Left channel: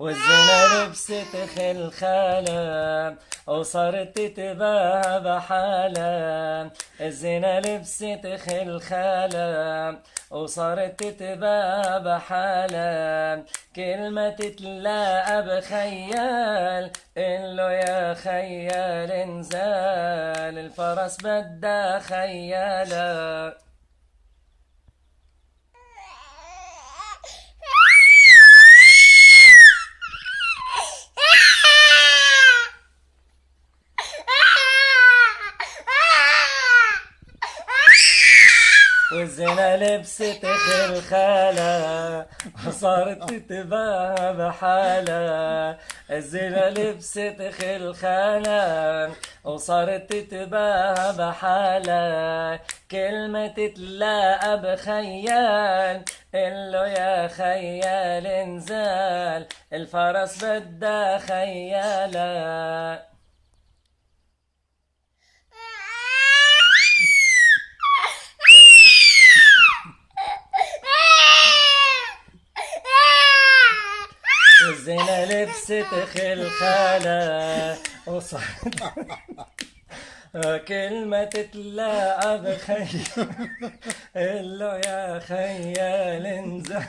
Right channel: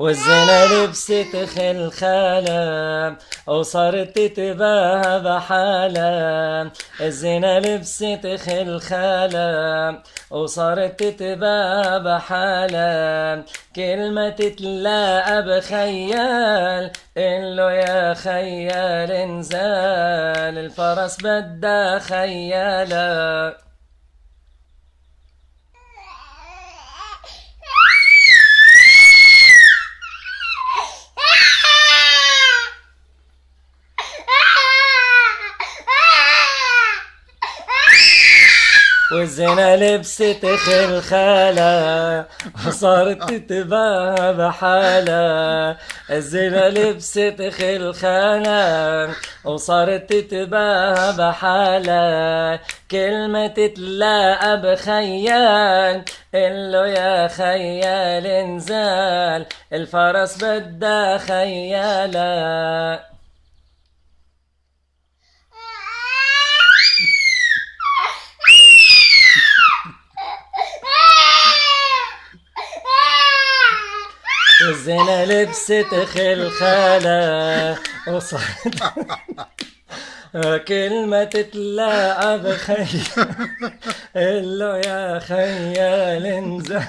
والزنا لبست خلخالة وصارت تتباهى بحالة. الزنا لبست خلخالة وصارت تتباهى بحالة. كلمة تتلاقى بخيال قله يا خيال انزال الفرس بدها خيالة. والزنا لبست خلخالة وصارت تتباهى بحالة. الزنا لبست خلخالة وصارت تتباهى بحالة. كلمة تتلاقى بخيال قله يا خيال انزال الفرس بدها خيالة. الزنا لبست خلخالة وصارت كلمة تتلاقى بخيال قله يا خيال انزل